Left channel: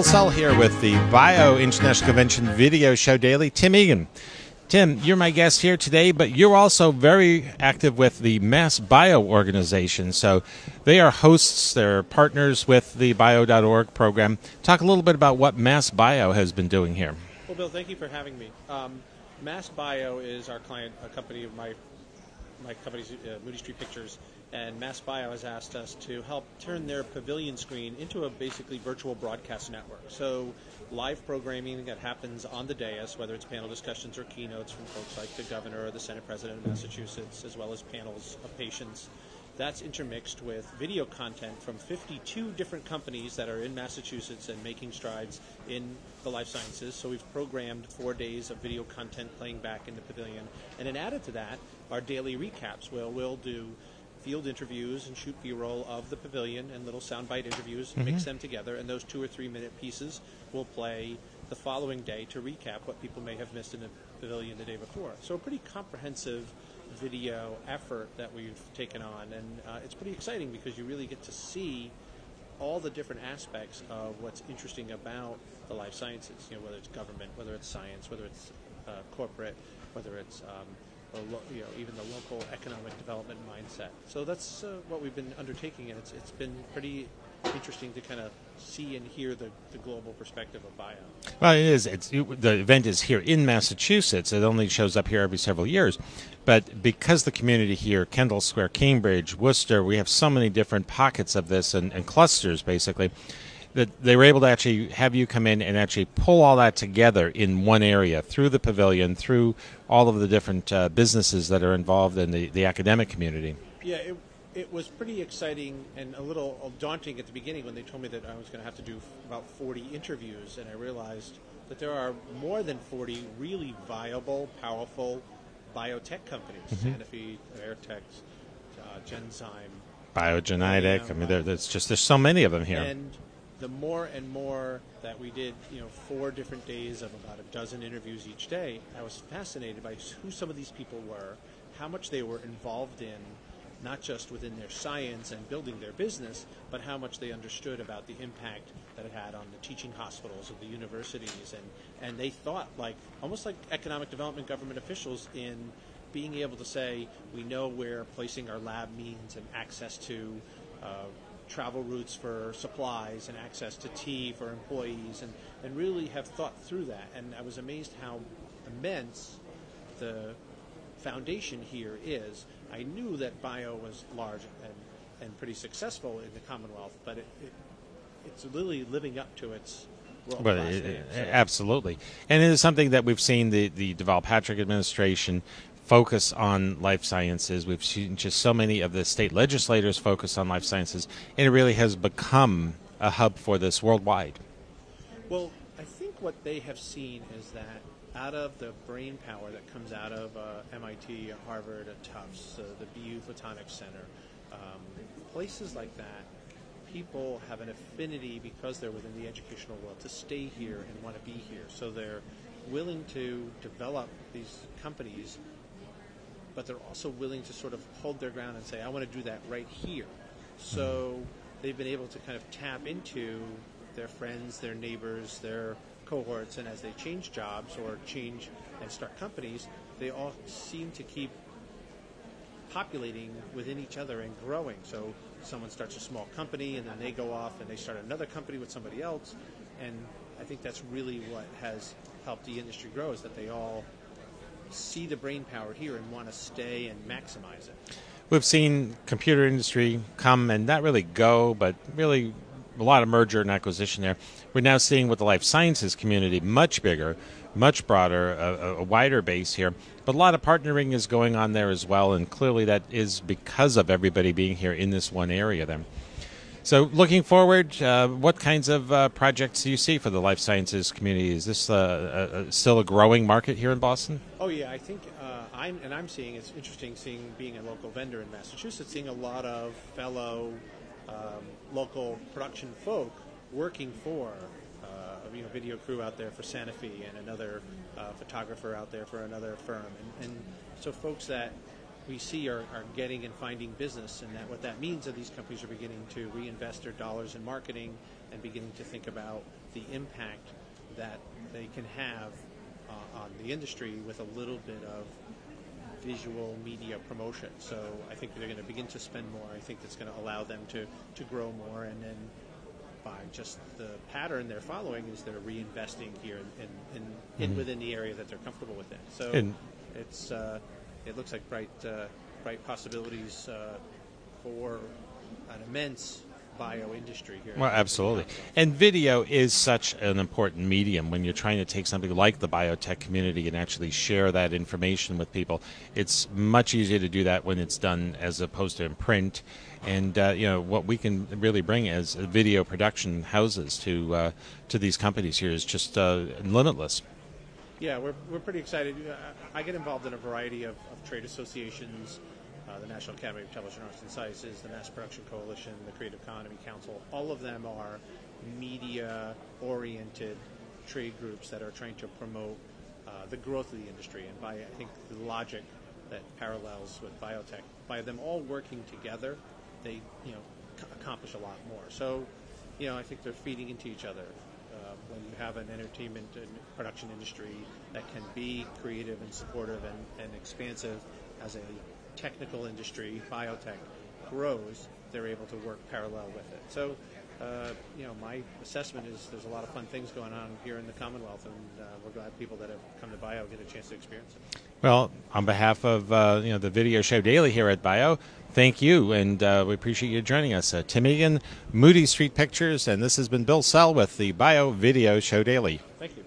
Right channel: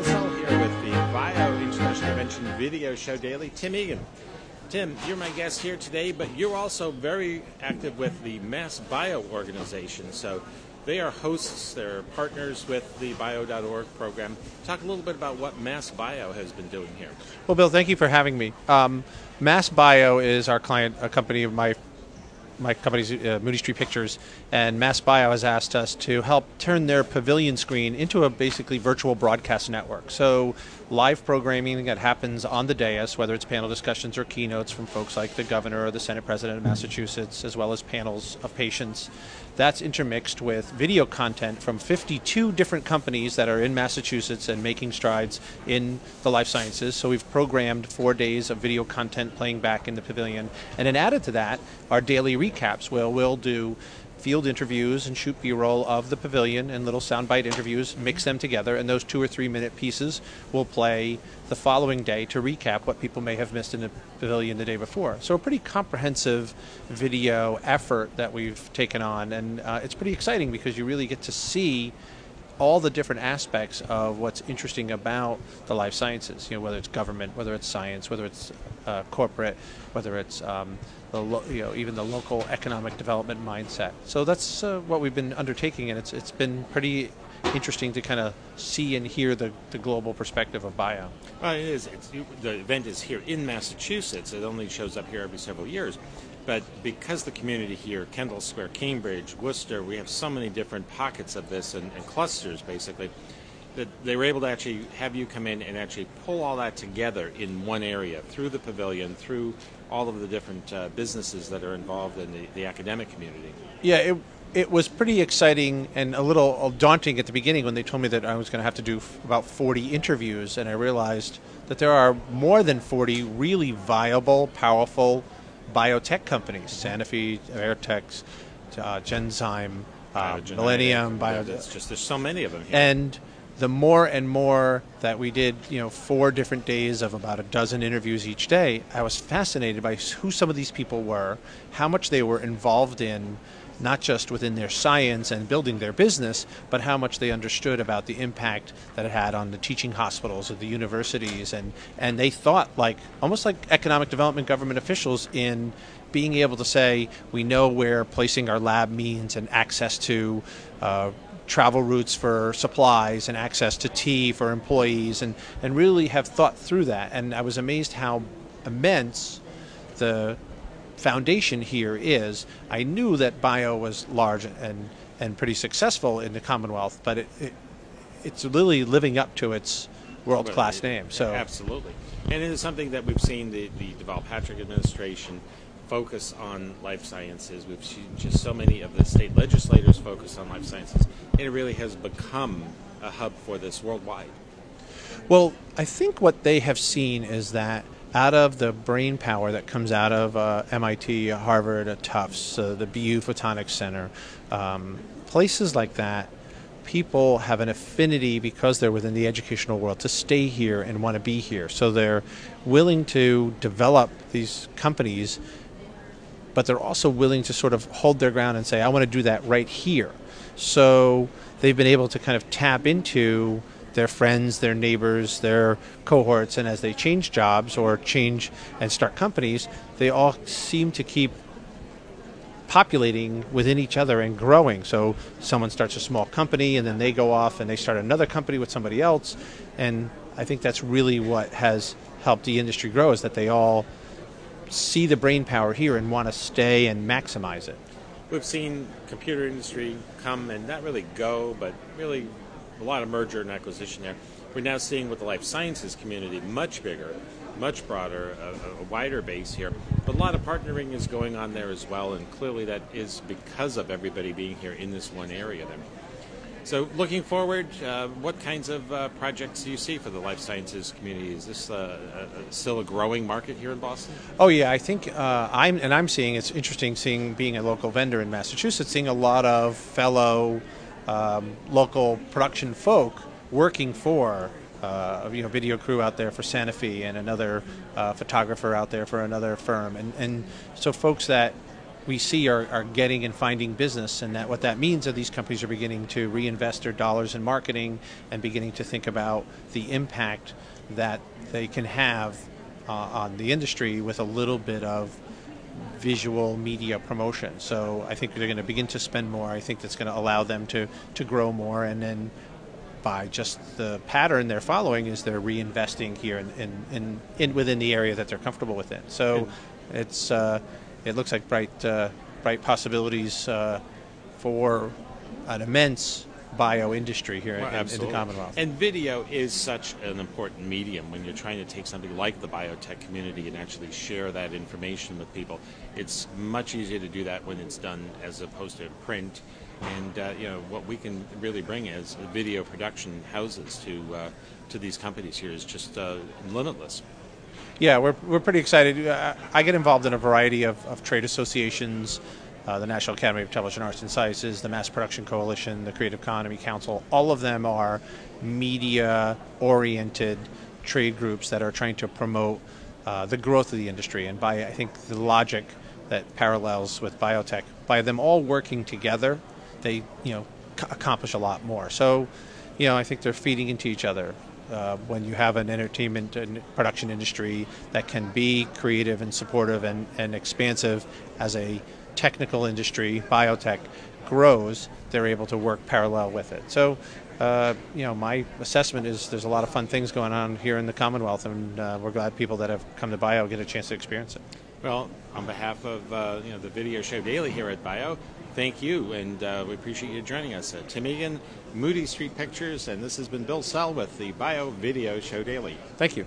Bill Sell here with the Bio International Convention Video Show Daily. Tim Egan. Tim, you're my guest here today, but you're also very active with the Mass Bio organization. So they are hosts, they're partners with the bio.org program. Talk a little bit about what Mass Bio has been doing here. Well, Bill, thank you for having me. Mass Bio is our client, a company of my company's Moody Street Pictures, and Mass Bio has asked us to help turn their pavilion screen into a basically virtual broadcast network. So live programming that happens on the dais, whether it's panel discussions or keynotes from folks like the governor or the Senate President of Massachusetts, as well as panels of patients, that's intermixed with video content from 52 different companies that are in Massachusetts and making strides in the life sciences. So we've programmed 4 days of video content playing back in the pavilion. And then added to that are daily recaps where we'll do field interviews and shoot B-roll of the pavilion and little soundbite interviews, mix them together, and those 2 or 3 minute pieces will play the following day to recap what people may have missed in the pavilion the day before. So a pretty comprehensive video effort that we've taken on, and it's pretty exciting because you really get to see all the different aspects of what's interesting about the life sciences, you know, whether it's government, whether it's science, whether it's corporate, whether it's even the local economic development mindset. So that's what we've been undertaking, and it's been pretty interesting to kind of see and hear the global perspective of bio. Well, it is. The event is here in Massachusetts. It only shows up here every several years. But because the community here, Kendall Square, Cambridge, Worcester, we have so many different pockets of this and clusters, basically, that they were able to actually have you come in and actually pull all that together in one area, through the pavilion, through all of the different businesses that are involved in the academic community. Yeah, it was pretty exciting and a little daunting at the beginning when they told me that I was going to have to do about 40 interviews, and I realized that there are more than 40 really viable, powerful biotech companies, Sanofi, Vertex, Genzyme, Millennium. There's so many of them here. And the more and more that we did, 4 different days of about a dozen interviews each day, I was fascinated by who some of these people were, how much they were involved in, not just within their science and building their business, but how much they understood about the impact that it had on the teaching hospitals or the universities. And they thought almost like economic development government officials in being able to say, we know where placing our lab means, and access to travel routes for supplies and access to tea for employees, and really have thought through that. And I was amazed how immense the foundation here is. I knew that bio was large and pretty successful in the Commonwealth, but it's really living up to its world-class name. So absolutely. And it is something that we've seen the Deval Patrick administration focus on life sciences. We've seen just so many of the state legislators focus on life sciences, and it really has become a hub for this worldwide. Well, I think what they have seen is that out of the brain power that comes out of MIT, Harvard, Tufts, the BU Photonics Center, places like that, people have an affinity, because they're within the educational world, to stay here and want to be here. So they're willing to develop these companies, but they're also willing to sort of hold their ground and say, I want to do that right here. So they've been able to kind of tap into their friends, their neighbors, their cohorts, and as they change jobs or change and start companies, they all seem to keep populating within each other and growing. So someone starts a small company, and then they go off and they start another company with somebody else, and I think that's really what has helped the industry grow, is that they all see the brain power here and want to stay and maximize it. We've seen computer industry come and not really go, but really a lot of merger and acquisition there. We're now seeing with the life sciences community much bigger, much broader, a wider base here. But a lot of partnering is going on there as well, and clearly that is because of everybody being here in this one area there. So looking forward, what kinds of projects do you see for the life sciences community? Is this still a growing market here in Boston? Oh yeah, I think I'm seeing, it's interesting being a local vendor in Massachusetts, seeing a lot of fellow local production folk working for video crew out there for Sanofi, and another photographer out there for another firm, and so folks that we see are getting and finding business, and that what that means is these companies are beginning to reinvest their dollars in marketing and beginning to think about the impact that they can have on the industry with a little bit of visual media promotion. So I think they're going to begin to spend more. I think that's going to allow them to grow more, and then by just the pattern they're following is they're reinvesting here in within the area that they're comfortable within. So it's it looks like bright possibilities for an immense bio industry here in the Commonwealth. And video is such an important medium when you're trying to take something like the biotech community and actually share that information with people. It's much easier to do that when it's done as opposed to in print. And what we can really bring as video production houses to these companies here is just limitless. Yeah, we're pretty excited. I get involved in a variety of trade associations, the National Academy of Television Arts and Sciences, the Mass Production Coalition, the Creative Economy Council. All of them are media-oriented trade groups that are trying to promote the growth of the industry. And by, I think, the logic that parallels with biotech, by them all working together, they accomplish a lot more. So, I think they're feeding into each other. When you have an entertainment and production industry that can be creative and supportive and expansive as a technical industry, biotech grows, they're able to work parallel with it. So, my assessment is there's a lot of fun things going on here in the Commonwealth, and we're glad people that have come to Bio get a chance to experience it. Well, on behalf of the Video Show Daily here at Bio, thank you, and we appreciate you joining us. Tim Egan, Moody Street Pictures, and this has been Bill Sell with the Bio Video Show Daily. Thank you.